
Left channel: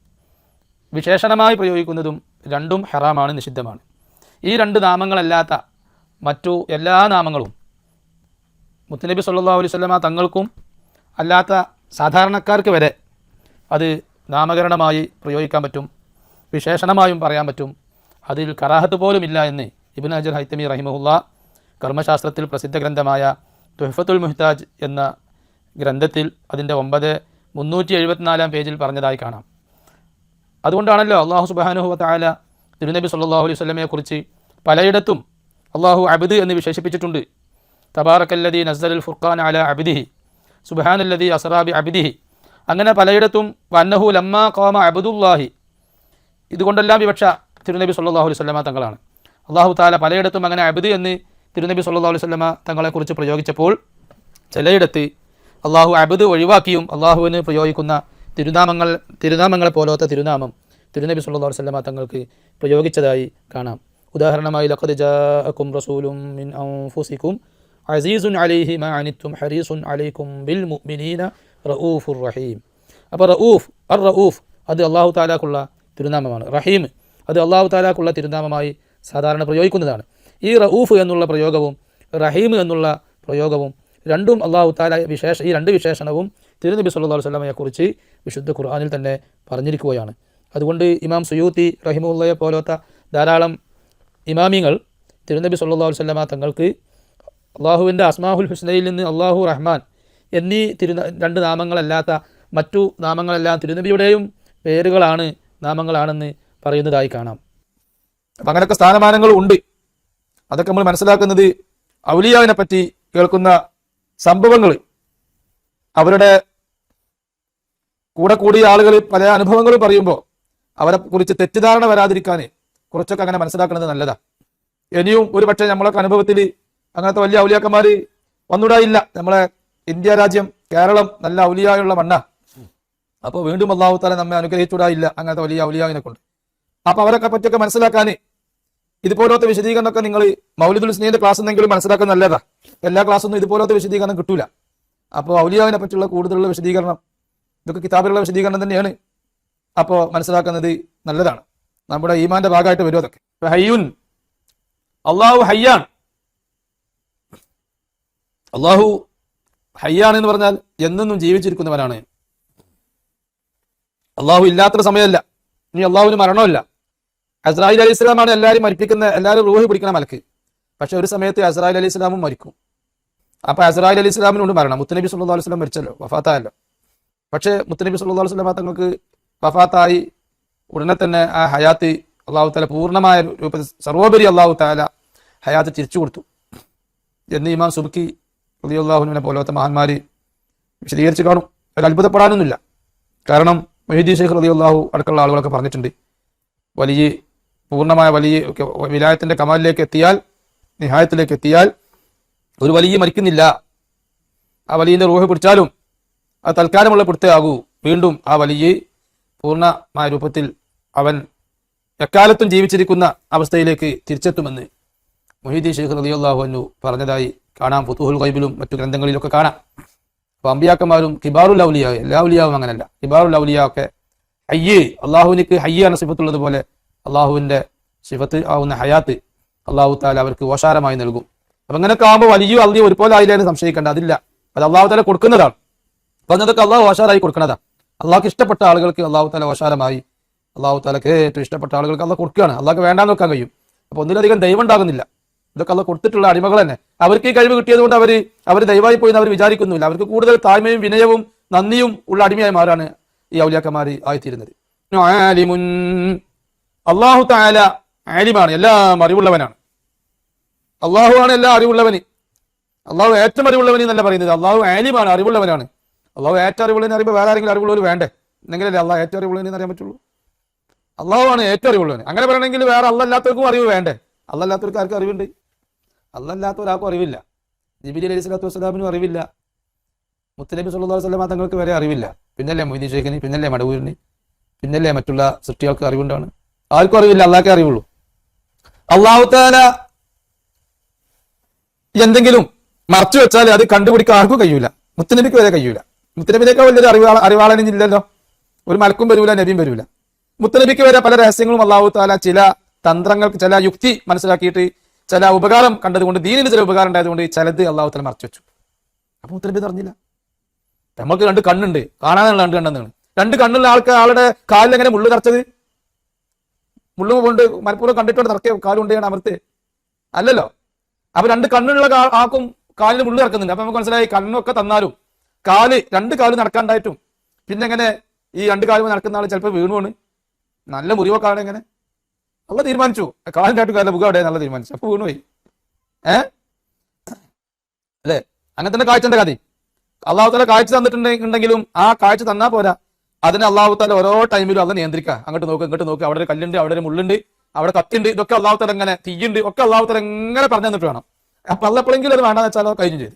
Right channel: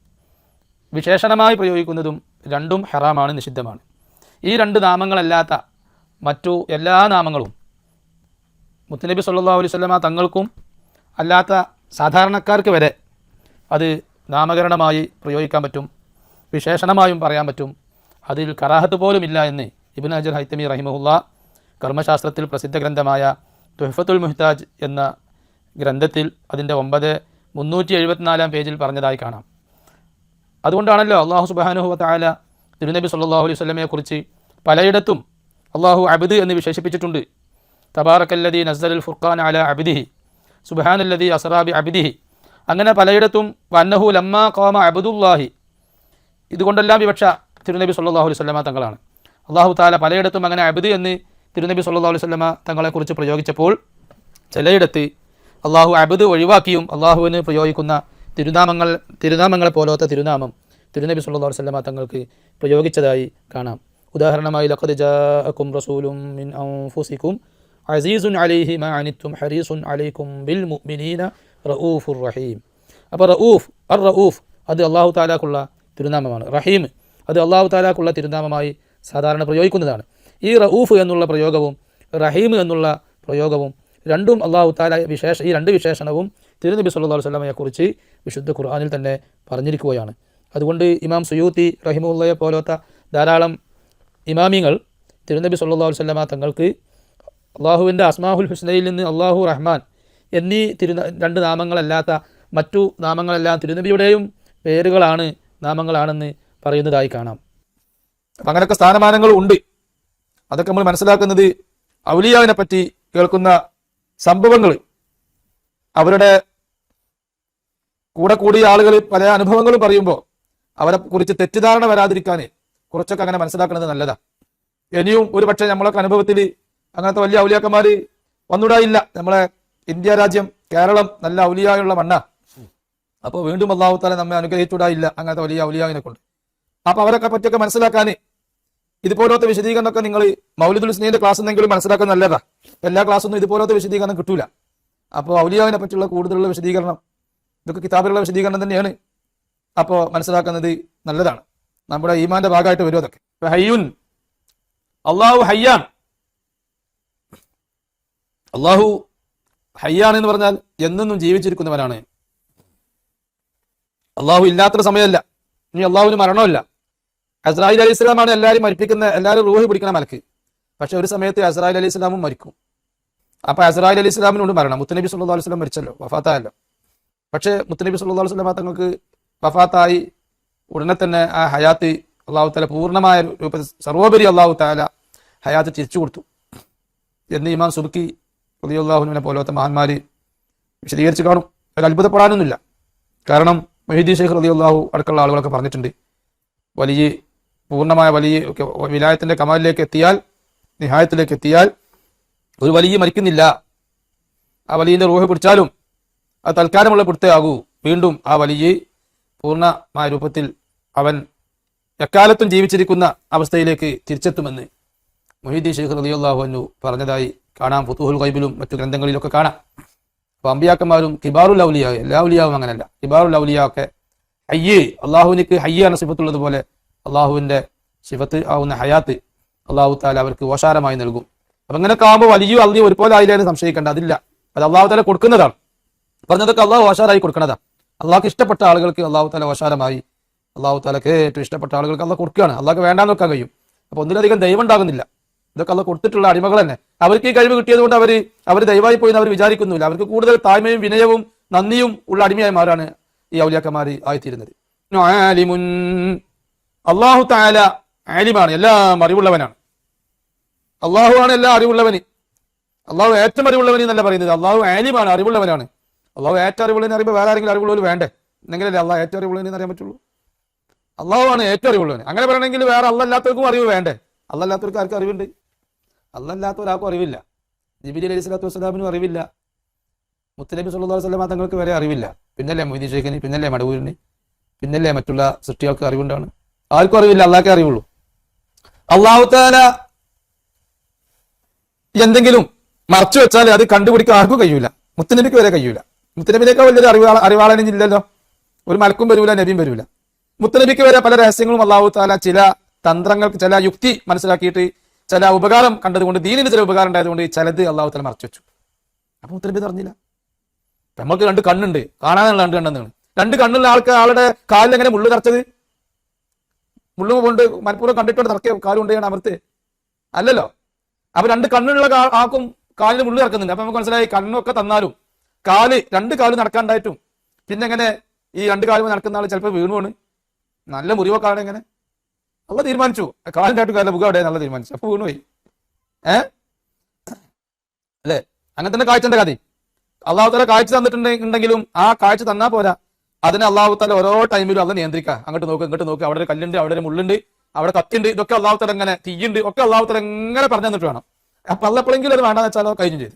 വിശേഷണമായി പ്രയോഗിക്കുന്നതും രണ്ടും ഹെറാമാണ് നിഷിദ്ധമാണ്. ഈ രണ്ട് നാമങ്ങളല്ലാത്ത മറ്റു എല്ലാ നാമങ്ങളും മുത്തനബി സല്ലാ അലൈഹി വസല്ലമ തങ്ങൾക്കും അല്ലാത്ത സാധാരണക്കാർക്ക് വരെ അത് നാമകരണമായി പ്രയോഗിക്കാൻ പറ്റും വിശേഷണമായും പറയാൻ പറ്റും. അതിൽ കറാഹത്ത് പോലുമില്ല എന്ന് ഇബിൻ അജർ ഹൈത്തമി റഹിമുല്ല കർമ്മശാസ്ത്രത്തിൽ പ്രസിദ്ധ ഗ്രന്ഥമായ തുഹഫത്തുൽ മുഹ്താജ് എന്ന ഗ്രന്ഥത്തിൽ അതിന്റെ ഒമ്പത് മുന്നൂറ്റി എഴുപത്തിനാലാം പേജിൽ പറഞ്ഞതായി കാണാം. അതുകൊണ്ടാണല്ലോ അള്ളാഹു സുബാനുഹു താല തിരുനബി സല്ലാഹു അലൈഹി വസല്ലമയെ കുറിച്ച് പലയിടത്തും അള്ളാഹു അബിദ് എന്ന് വിശേഷിപ്പിച്ചിട്ടുണ്ട്. തബാറക്കല്ലദി നസ്സലുൽ ഫുർഖാൻ അല അബിദിഹി സുബാനല്ലദി അസറാബി അബിദിഹി. അങ്ങനെ പലയിടത്തും വന്നഹു ലമ്മ കോമ അബുദുല്ലാഹി. ഇതുകൊണ്ടെല്ലാം വിവക്ഷ തിരുനബി സല്ലാഹു അലൈഹി വസല്ലമ തങ്ങളാണ്. അള്ളാഹു താല പലയിടത്തും അങ്ങനെ അബിദ് എന്ന് തിരുനബി സല്ലല്ലാഹു അലൈഹി സ്വലമ തങ്ങളെക്കുറിച്ച് പ്രയോഗിച്ചപ്പോൾ ചിലയിടത്ത് അള്ളാഹു അബദ് ഒഴിവാക്കിയും അള്ളാഹുവിന് പ്രയോഗിക്കുന്ന തിരുനാമങ്ങൾ തിരുനാമങ്ങളെ പോലത്തെ തിരുനാമം തിരുനബി സുല്ലാ അലൈഹി വസല്ലമ തങ്ങൾക്ക് പ്രയോഗിച്ചതായി കാണാം. ഉദാഹരണമായി ലഖദ് ജാഅക്കും റസൂലും മിൻ അൻഫുസിക്കും അസീസുൻ അലൈഹി മാ അനിത്തും ഹരീസുൻ അലൈക്കും ബിൽ മുഅ്മിനീന റഊഫുർ റഹീം. അപ്പോൾ റഊഫ് അർ റഊഫ് അത് അള്ളാഹു താലാക്കുള്ള തിരുനാമമാണ്. റഹീം അത് അള്ളാഹു താലാക്കുള്ള തിരുനാമമായി സാധാരണ പ്രയോഗിക്കുന്നതാണ്. ഈ റഊഫ് എന്നുള്ള പ്രയോഗവും റഹീം എന്നുള്ള പ്രയോഗവും രണ്ടും അള്ളാഹു താല വിശേഷ ഈ രണ്ട് വിശേഷണവും തിരുനബി സല്ലാ അലൈഹി വസല്ലമയെ കുറിച്ച് വിശുദ്ധ ഖുർആാനിൽ തന്നെ പറഞ്ഞിരിക്കുകയാണ്. അതുകൊണ്ട് ഇമാം സുയൂത്തി റഹിമുള്ളയെ പോലത്തെ ധാരാളം ഇമാമിങ്ങൾ തിരുനബി സല്ലാ അലൈഹി വസല്ലമ തങ്ങൾക്ക് അള്ളാഹുവിന്റെ അസ്മാഹുൽ ഹുസ്നയിൽ നിന്ന് അള്ളാഹു റഹ്മാൻ എന്നീ തിരു രണ്ട് നാമങ്ങളല്ലാത്ത മറ്റു നാമങ്ങളെല്ലാം തിരുനബിയുടെയും പേരുകളാണ് നാമങ്ങളാണെന്ന് പറയുന്നതായി കാണാം. അപ്പം അങ്ങനെയൊക്കെ സ്ഥാനമാനങ്ങൾ ഉണ്ട്. അതൊക്കെ നമ്മൾ മനസ്സിലാക്കുന്നത് ഔലിയാവിനെ പറ്റി കേൾക്കുന്ന സംഭവങ്ങൾ. അവരുടെ കൂടെ കൂടിയ ആളുകൾ പല അനുഭവങ്ങൾ പറയുമ്പോൾ അവരെ കുറിച്ച് തെറ്റിദ്ധാരണ വരാതിരിക്കാൻ കുറച്ചൊക്കെ അങ്ങനെ മനസ്സിലാക്കുന്നത് നല്ലതാ. ഇനിയും ഒരു പക്ഷേ നമ്മളൊക്കെ അനുഭവത്തിൽ അങ്ങനത്തെ വലിയ ഔലിയാക്കന്മാര് ഒന്നുകൂടെ ഇല്ല നമ്മളെ ഇന്ത്യ രാജ്യം കേരളം നല്ല ഔലിയായുള്ള മണ്ണ. അപ്പൊ വീണ്ടും അള്ളാഹുത്താലെ നമ്മെ അനുഗ്രഹിച്ചൂടായില്ല അങ്ങനത്തെ വലിയ ഔലിയാവിനെ കൊണ്ട്. അപ്പൊ അവരൊക്കെ പറ്റിയൊക്കെ മനസ്സിലാക്കാന് ഇതുപോലത്തെ വിശദീകരണം ഒക്കെ നിങ്ങൾ മൗലിദുൽ സ്നേഹിന്റെ ക്ലാസ് എന്തെങ്കിലും മനസ്സിലാക്കാൻ നല്ലതാ. എല്ലാ ക്ലാസ്സൊന്നും ഇതുപോലത്തെ വിശദീകരണം കിട്ടൂല. അപ്പോൾ ഔലിയാവിനെ പറ്റിയുള്ള കൂടുതലുള്ള വിശദീകരണം ഇതൊക്കെ കിതാബിലുള്ള വിശദീകരണം തന്നെയാണ്. അപ്പോൾ മനസ്സിലാക്കുന്നത് നല്ലതാണ്. നമ്മുടെ ഈമാന്റെ ഭാഗമായിട്ട് വരും അതൊക്കെ. ഹയ്യുൻ. അള്ളാഹു ഹയ്യാൻ. അള്ളാഹു ഹയ്യാൻ എന്ന് പറഞ്ഞാൽ എന്നെന്നും ജീവിച്ചിരിക്കുന്നവനാണ്. അള്ളാഹു ഇല്ലാത്തൊരു സമയമല്ല. ഇനി അള്ളാഹുവിന് മരണമില്ല അസ്രായിൽ അലി ഇസ്ലാമാണ് എല്ലാവരും മരിപ്പിക്കുന്ന എല്ലാവരും റൂഹ് പിടിക്കുന്ന മലക്ക്. പക്ഷെ ഒരു സമയത്ത് അസ്രായിൽ അലി ഇസ്ലാമും മരിക്കും. അപ്പൊ അസ്രായിൽ അലി ഇസ്ലാമിനോട് മരണം മുത്തനബി സുല്ലാ വസ്ലം മരിച്ചല്ലോ വഫാത്തായല്ലോ. പക്ഷെ മുത്തനബി സുല്ലാ വസ്ലം തങ്ങൾക്ക് വഫാത്തായി ഉടനെ തന്നെ ആ ഹയാത്ത് അള്ളാഹു താല പൂർണമായ രൂപത്തിൽ സർവോപരി അള്ളാഹു താല ഹയാത്ത് തിരിച്ചു കൊടുത്തു. എന്ന് ഇമാം സുബുക്കി അള്ളാഹുവിനെ പോലത്തെ മഹാന്മാര് വിശദീകരിച്ച് കാണും. ഒരു അത്ഭുതപ്പെടാനൊന്നുമില്ല കാരണം മഹീദി റതി അള്ളാഹു അടക്കമുള്ള ആളുകളൊക്കെ പറഞ്ഞിട്ടുണ്ട്. വലിയ പൂർണമായ വലിയ വിനായത്തിന്റെ വിലായത്തിന്റെ കമാലിലേക്ക് എത്തിയാൽ നിഹായത്തിലേക്ക് എത്തിയാൽ ഒരു വലിയ മരിക്കുന്നില്ല. ആ വലിയ റൂഹി പിടിച്ചാലും അത് തൽക്കാലമുള്ള പിടുത്തയാകൂ. വീണ്ടും ആ വലിയ പൂർണമായ രൂപത്തിൽ അവൻ എക്കാലത്തും ജീവിച്ചിരിക്കുന്ന അവസ്ഥയിലേക്ക് തിരിച്ചെത്തുമെന്ന് മൊഹീദി ഷെയ്ഖ് അൻഹു പറഞ്ഞതായി കാണാം. ഫുത്തുഹുൽ കൈബിലും മറ്റു ഗ്രന്ഥങ്ങളിലൊക്കെ കാണാം. അപ്പൊ അമ്പിയാക്കന്മാരും കിബാറുൽ ഔലിയ എല്ലാ അങ്ങനെയല്ല കിബാറുൽ ഔലിയ ഒക്കെ ഹയ്യേ അള്ളാഹുവിനിക്ക് ഹയ്യാണ് സുഖത്തുള്ളത് പോലെ അള്ളാഹുവിന്റെ ശിവത്ത് ആവുന്ന ഹയാത്ത് അള്ളാഹു താല അവർക്ക് ഓശാരമായി നൽകും. അപ്പൊ അങ്ങനെയൊക്കെ ആവുമ്പോൾ വലിയ അള്ളി ഒരുപോലെ ആയില്ലേന്ന് സംശയിക്കേണ്ട അതില്ല. അത് അള്ളാഹു താല കൊടുക്കുന്നതാണ്. പറഞ്ഞതൊക്കെ അള്ളാഹു ഓശാരായി കൊടുക്കുന്നതാണ് അള്ളാഹ്ക്ക് ഇഷ്ടപ്പെട്ട ആളുകൾക്ക് അള്ളാഹു താല ഓശാരമായി അള്ളാഹു താലക്ക് ഏറ്റവും ഇഷ്ടപ്പെട്ട ആളുകൾക്ക് അള്ളാഹ് കൊടുക്കുകയാണ്. അള്ളാഹ്ക്ക് വേണ്ടാന്ന് വെക്കാൻ കഴിയും. അപ്പൊ ഒന്നിലധികം ദൈവം ഉണ്ടാകുന്നില്ല. ഇതൊക്കെ അള്ളാഹ് കൊടുത്തിട്ടുള്ള അടിമകൾ തന്നെ. അവർക്ക് ഈ കഴിവ് കിട്ടിയത് കൊണ്ട് അവർ അവർ ദൈവമായി പോയി അവർ വിചാരിക്കുന്നില്ല അവർക്ക് കൂടുതൽ താഴ്മയും വിനയവും നന്ദിയും ഉള്ള അടിമയായി മാറാണ് ഈ ഔലിയാക്കന്മാർ ആയിത്തീരുന്നത്. അള്ളാഹു താല ആലിമാണ് എല്ലാം അറിവുള്ളവനാണ് അള്ളാഹു ആണ് എല്ലാം അറിവുള്ളവന്. അള്ളാഹു ഏറ്റവും അറിവുള്ളവന് എന്നല്ല പറയുന്നത്. അള്ളാഹു ആലിമാണ് അറിവുള്ളവനാണ്. അള്ളാഹു ഏറ്റവും അറിവുള്ളവന് അറിയുമ്പോൾ വേറെ ആരെങ്കിലും അറിവുള്ളവന് വേണ്ടേ? എന്നെങ്കിലല്ലേ അള്ളാഹ് ഏറ്റവും അറിവുള്ളവന് അറിയാൻ പറ്റുള്ളൂ? അള്ളാഹു ആണ് ഏറ്റവും അറിവുള്ളവന്. അങ്ങനെ പറയണമെങ്കിൽ വേറെ അല്ലല്ലാത്തവർക്കും അറിവ് വേണ്ടേ? അല്ലല്ലാത്തവർക്ക് ആർക്കും അറിവുണ്ട്? അല്ലല്ലാത്ത ഒരാൾക്കും അറിവില്ല. ജിബിലി അലൈഹി സ്വലാത്തു വസ്സലാമിനും അറിവില്ല. മുത്തലബി അലൈഹി വസല്ലമ തങ്ങൾക്ക് വരെ അറിവില്ല. പിന്നല്ലേ മൊയ്തീൻ പിന്നല്ലേ മടവൂരിന് പിന്നല്ലേ മറ്റുള്ള സൃഷ്ടികൾക്ക് അറിവുണ്ടാണ് ആർക്കും അറിവില്ല അള്ളാഹ് അറിയുള്ളൂ അള്ളാഹുത്തേന എന്തെങ്കിലും മറച്ചു വെച്ചാൽ അത് കണ്ടുപിടിക്കാൻ ആർക്കും കഴിയൂല. മുത്തനബിക്ക് വരെ കഴിയൂല. മുത്തനബിനേക്കാൾ വലിയൊരു അറിവാള അറിവാളനില്ലല്ലോ ഒരു മലക്കും വരൂല നബിയും വരൂല. മുത്തനബിക്ക് വരെ പല രഹസ്യങ്ങളും അള്ളാഹു താല ചില തന്ത്രങ്ങൾക്ക് ചില യുക്തി മനസ്സിലാക്കിയിട്ട് ചില ഉപകാരം കണ്ടതുകൊണ്ട് ദീനിന് ചില ഉപകാരം ഉണ്ടായതുകൊണ്ട് ചിലത് അള്ളാഹു താല മറച്ചു വെച്ചു. അപ്പൊ മുത്തനബി അറിഞ്ഞില്ല. നമുക്ക് രണ്ട് കണ്ണുണ്ട്. കാണാനുള്ള രണ്ട് കണ്ണെന്നാണ്. രണ്ട് കണ്ണുള്ള ആൾക്ക് ആളുടെ കാലിൽ എങ്ങനെ മുള്ളു കറച്ചത്? മുള്ളു കൊണ്ട് മനഃപൂർവം കണ്ടിട്ട് നടക്കിയ ഞാൻ അമർത്ത് അല്ലല്ലോ. അപ്പൊ രണ്ട് കണ്ണുള്ള ആക്കും കാലിൽ മുള്ളു നടക്കുന്നുണ്ട് അപ്പൊ നമുക്ക് മനസ്സിലായി കണ്ണൊക്കെ തന്നാലും കാൽ രണ്ട് കാൽ നടക്കാണ്ടായിട്ടും പിന്നെ എങ്ങനെ ഈ രണ്ട് കാലും നടക്കുന്ന ആൾ ചിലപ്പോൾ വീണുവാണ് നല്ല മുറിവൊക്കെ ആണ് എങ്ങനെ അല്ല തീരുമാനിച്ചു. കാലിന്റെ കാലിന്റെ മുഖം അവിടെ നല്ല തീരുമാനിച്ചു. അപ്പൊ വീണുപോയി. ഏ? അല്ലേ? അങ്ങനെ തന്നെ കാഴ്ച കഥ. അള്ളാഹു തന്നെ കാഴ്ച തന്നിട്ടുണ്ടെങ്കിലും ആ കാഴ്ച തന്നാ പോരാ. അതിന് അള്ളാഹു തന്നെ ഓരോ ടൈമിലും അത് നിയന്ത്രിക്കാം അങ്ങോട്ട് നോക്ക് ഇങ്ങോട്ട് നോക്ക്. അവിടെ ഒരു കല്ലുണ്ട് അവിടെ ഒരു മുള്ളുണ്ട് അവിടെ കത്തിണ്ട് ഇതൊക്കെ അള്ളാഹു തല ഇങ്ങനെ തീയുണ്ട് ഒക്കെ അള്ളാഹു തല എങ്ങനെ പറഞ്ഞു തന്നിട്ട് വേണം. അപ്പൊ അല്ലപ്പോഴെങ്കിലും അത് വേണ്ടെന്ന് വെച്ചാൽ അത് കഴിഞ്ഞു ചെയ്തു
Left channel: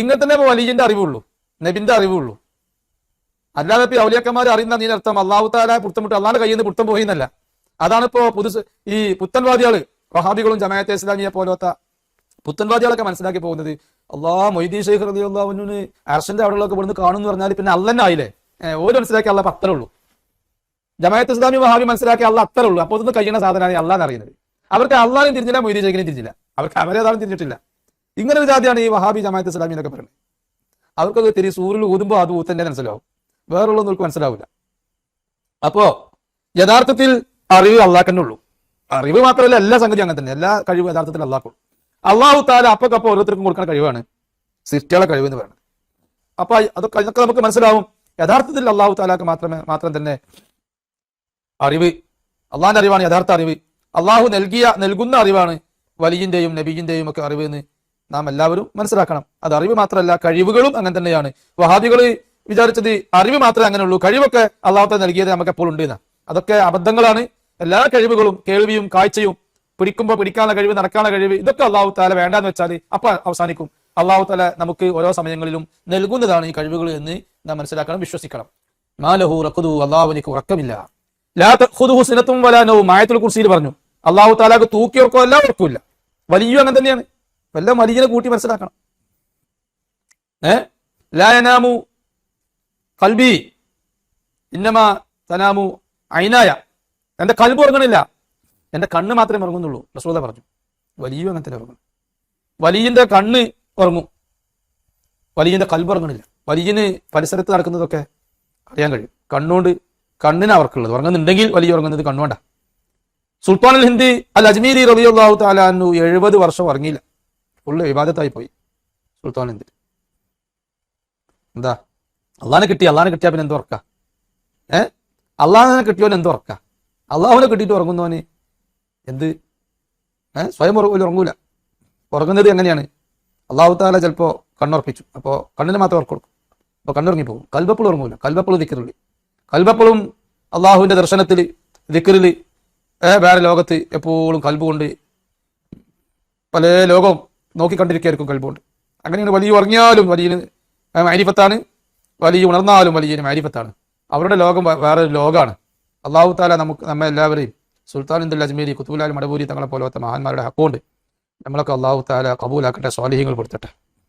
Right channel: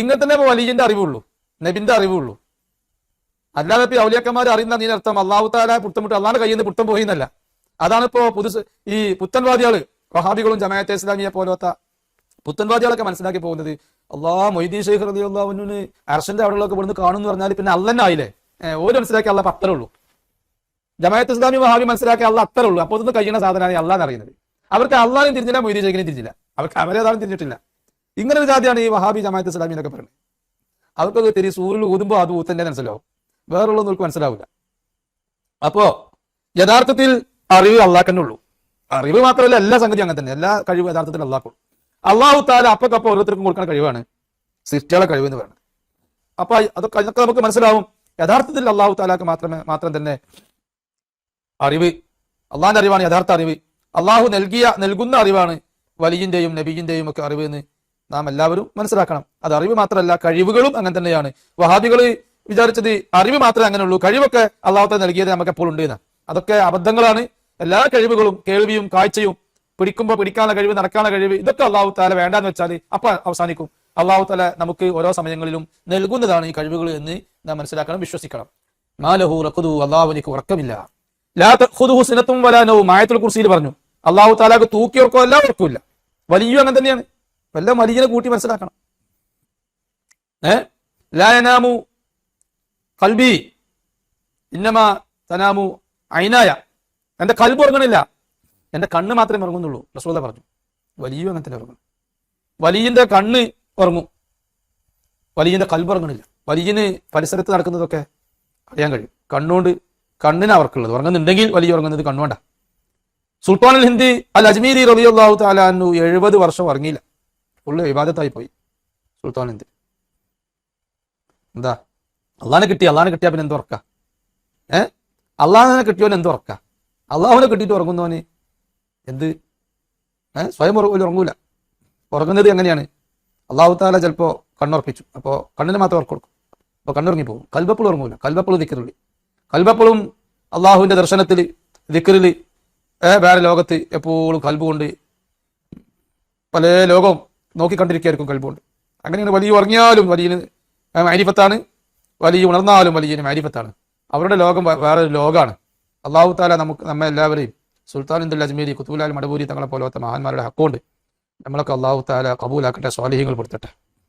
ഇങ്ങനെ തന്നെ വലിയന്റെ അറിവുള്ളൂ. നബിന്റെ അറിവുള്ളൂ. അല്ലാതെ ഇപ്പൊ ഔലിയാക്കന്മാർ അറിയുന്ന നീ അർത്ഥം അള്ളാഹു താല പുത്തമുട്ട് അള്ളാഹ് കയ്യിൽ നിന്ന് പുത്തം പോയി എന്നല്ല. അതാണ് ഇപ്പോ പുതു ഈ പുത്തൻവാദികൾ റഹാബികളും ജമാഅത്തെ ഇസ്ലാമിയെ പോലത്തെ പുത്തൻവാദികളൊക്കെ മനസ്സിലാക്കി പോകുന്നത്. അള്ളാഹ് മൊയ്തീ ഷെയ്ഖ് റതി അള്ളാഹുവിന് അർഷന്റെ അവിടെയുള്ളൊക്കെ ഇവിടുന്ന് കാണുമെന്ന് പറഞ്ഞാൽ പിന്നെ അല്ലന്നെ ആയില്ലേ? ഏഹ് ഓര് മനസ്സിലാക്കി അള്ള അത്രേ ഉള്ളൂ. ജമാഅത്ത് ഇസ്ലാമി വഹാബി മനസ്സിലാക്കി അള്ള അത്രേ ഉള്ളൂ. അപ്പൊ ഒന്ന് കഴിയുന്ന സാധനമാണ് അള്ളാന്ന് അറിയുന്നത് അവർക്ക് അള്ളാനും തിരിഞ്ഞില്ല മൊയ്തീൻ തിരിഞ്ഞില്ല. അവർക്ക് അവരേതാളും തിരിഞ്ഞിട്ടില്ല. ഇങ്ങനെ വിചാരിയാണ് ഈ വഹാബി ജമാഅത്ത് ഇസ്ലാമി എന്നൊക്കെ പറയുന്നത്. അവർക്കൊക്കെ തിരി സൂര്യൻ ഊതുമ്പോ അത് തന്നെ മനസ്സിലാവും. വേറെ അവർക്ക് മനസ്സിലാവില്ല. അപ്പോ യഥാർത്ഥത്തിൽ അറിവ് അള്ളാഹ് ഉള്ളൂ. അറിവ് മാത്രമല്ല എല്ലാ സംഗതി അങ്ങനെ തന്നെ. എല്ലാ കഴിവും യഥാർത്ഥത്തിൽ അള്ളാഹ് അള്ളാഹു താല അപ്പക്കപ്പോ ഓരോരുത്തർക്കും കൊടുക്കുന്ന കഴിവാണ്. സൃഷ്ടികളെ കഴിവ് എന്ന് പറയുന്നത്. അപ്പൊ അത് നമുക്ക് മനസ്സിലാവും. യഥാർത്ഥത്തിൽ അള്ളാഹു താലാക്ക് മാത്രമേ മാത്രം തന്നെ അറിവ് അള്ളാഹിന്റെ അറിവാണ് യഥാർത്ഥ അറിവ്. അള്ളാഹു നൽകിയ നൽകുന്ന അറിവാണ് വലിയന്റെയും നബിയിന്റെയും ഒക്കെ അറിവ് എന്ന് നാം എല്ലാവരും മനസ്സിലാക്കണം. അത് അറിവ് മാത്രമല്ല കഴിവുകളും അങ്ങനെ തന്നെയാണ്. വഹാബികൾ വിചാരിച്ചത് അറിവ് മാത്രമേ അങ്ങനെയുള്ളൂ കഴിവൊക്കെ അള്ളാഹത്തെ നൽകിയത് നമുക്ക് എപ്പോഴും ഉണ്ട് അതൊക്കെ അബദ്ധങ്ങളാണ്. എല്ലാ കഴിവുകളും കേൾവിയും കാഴ്ചയും പിടിക്കുമ്പോൾ പിടിക്കാനുള്ള കഴിവ് നടക്കാനുള്ള കഴിവ് ഇതൊക്കെ അള്ളാഹു താല വേണ്ടാന്ന് വെച്ചാൽ അപ്പൊ അവസാനിക്കും. അള്ളാഹു താല നമുക്ക് ഓരോ സമയങ്ങളിലും നൽകുന്നതാണ് ഈ കഴിവുകൾ എന്ന് നാം മനസ്സിലാക്കണം വിശ്വസിക്കണം. നാലഹു റഖുദു അള്ളാഹുവിനിക്ക് ഉറക്കമില്ല. ലാ വരാനോ മായത്തിനെ കുറിച്ച് പറഞ്ഞു അള്ളാഹു താലാക്ക് തൂക്കി ഉറക്കോ എല്ലാം ഉറക്കില്ല വലിയ അങ്ങനെ തന്നെയാണ്. വല്ല വലിയനെ കൂട്ടി മനസ്സിലാക്കണം. ഏ? കൽബി. ഇന്നമാ തനാമു ഐനായ. എന്റെ കൽബ് ഉറങ്ങണില്ല എന്റെ കണ്ണ് മാത്രമേ ഉറങ്ങുന്നുള്ളൂ. റസൂല പറഞ്ഞു വലിയ അങ്ങനെ തന്നെ ഉറങ്ങും വലിയന്റെ കണ്ണ് ഉറങ്ങും. വലിയന്റെ കൽബ് ഉറങ്ങണില്ല വലിയന് പരിസരത്ത് നടക്കുന്നതൊക്കെ അറിയാൻ കഴിയും. കണ്ണുകൊണ്ട് കണ്ണിന് അവർക്കുള്ളത്. ഉറങ്ങുന്നുണ്ടെങ്കിൽ വലിയ ഉറങ്ങുന്നത് കണ്ണുകൊണ്ടാ. സുൽത്താൻ അൽ ഹിന്ദ് അൽ അജ്മീരി റബിയുള്ളാഹു താലാന്നു എഴുപത് വർഷം ഉറങ്ങിയില്ല. ഫുള്ള് വിവാദത്തായി പോയി സുൽത്താൻ ഹിന്ദി. എന്താ? അള്ളാഹിനെ കിട്ടി അള്ളാഹിനെ കിട്ടിയാ പിന്നെ എന്ത് ഉറക്ക? ഏ? അള്ളാഹിനെ കിട്ടിയവൻ എന്ത് ഉറക്ക? അള്ളാഹുനെ കിട്ടിയിട്ട് ഉറങ്ങുന്നവന് എന്ത്? ഏ? സ്വയം ഉറങ്ങൂല ഉറങ്ങൂല. ഉറങ്ങുന്നത് എങ്ങനെയാണ്? അള്ളാഹു താല ചിലപ്പോ കണ്ണുറപ്പിച്ചു. അപ്പോ കണ്ണിന് മാത്രം ഉറക്കം കൊടുക്കും. അപ്പൊ കണ്ണുറങ്ങി പോകും കൽബപ്പോൾ ഇറങ്ങൂല കൽബപ്പോൾ ദിക്കറുള്ളി കൽവപ്പുളും അള്ളാഹുവിന്റെ ദർശനത്തിൽ ദിക്കറിൽ ഏ വേറെ ലോകത്ത് എപ്പോഴും കൽബ് കൊണ്ട് പല ലോകവും നോക്കിക്കണ്ടിരിക്കുകയായിരിക്കും കൽബുകൊണ്ട് അങ്ങനെയാണ് വലിയ ഉറങ്ങിയാലും വലിയ മാരിഫത്താണ് വലിയ ഉണർന്നാലും വലിയ മാരിഫത്താണ് അവരുടെ ലോകം വേറെ ലോകമാണ് അള്ളാഹു താല നമുക്ക് നമ്മെ എല്ലാവരെയും സുൽത്താൻ ഇന്ദുൽ അജ്മീരി കുത്തുബുലാൽ മടപൂരി തങ്ങളെ പോലത്തെ മഹാന്മാരുടെ ഹക്കുണ്ട്. നമ്മളൊക്കെ അള്ളാഹു താല കബൂലാക്കട്ടെ സ്വാലിഹികൾ കൊടുത്തട്ടെ.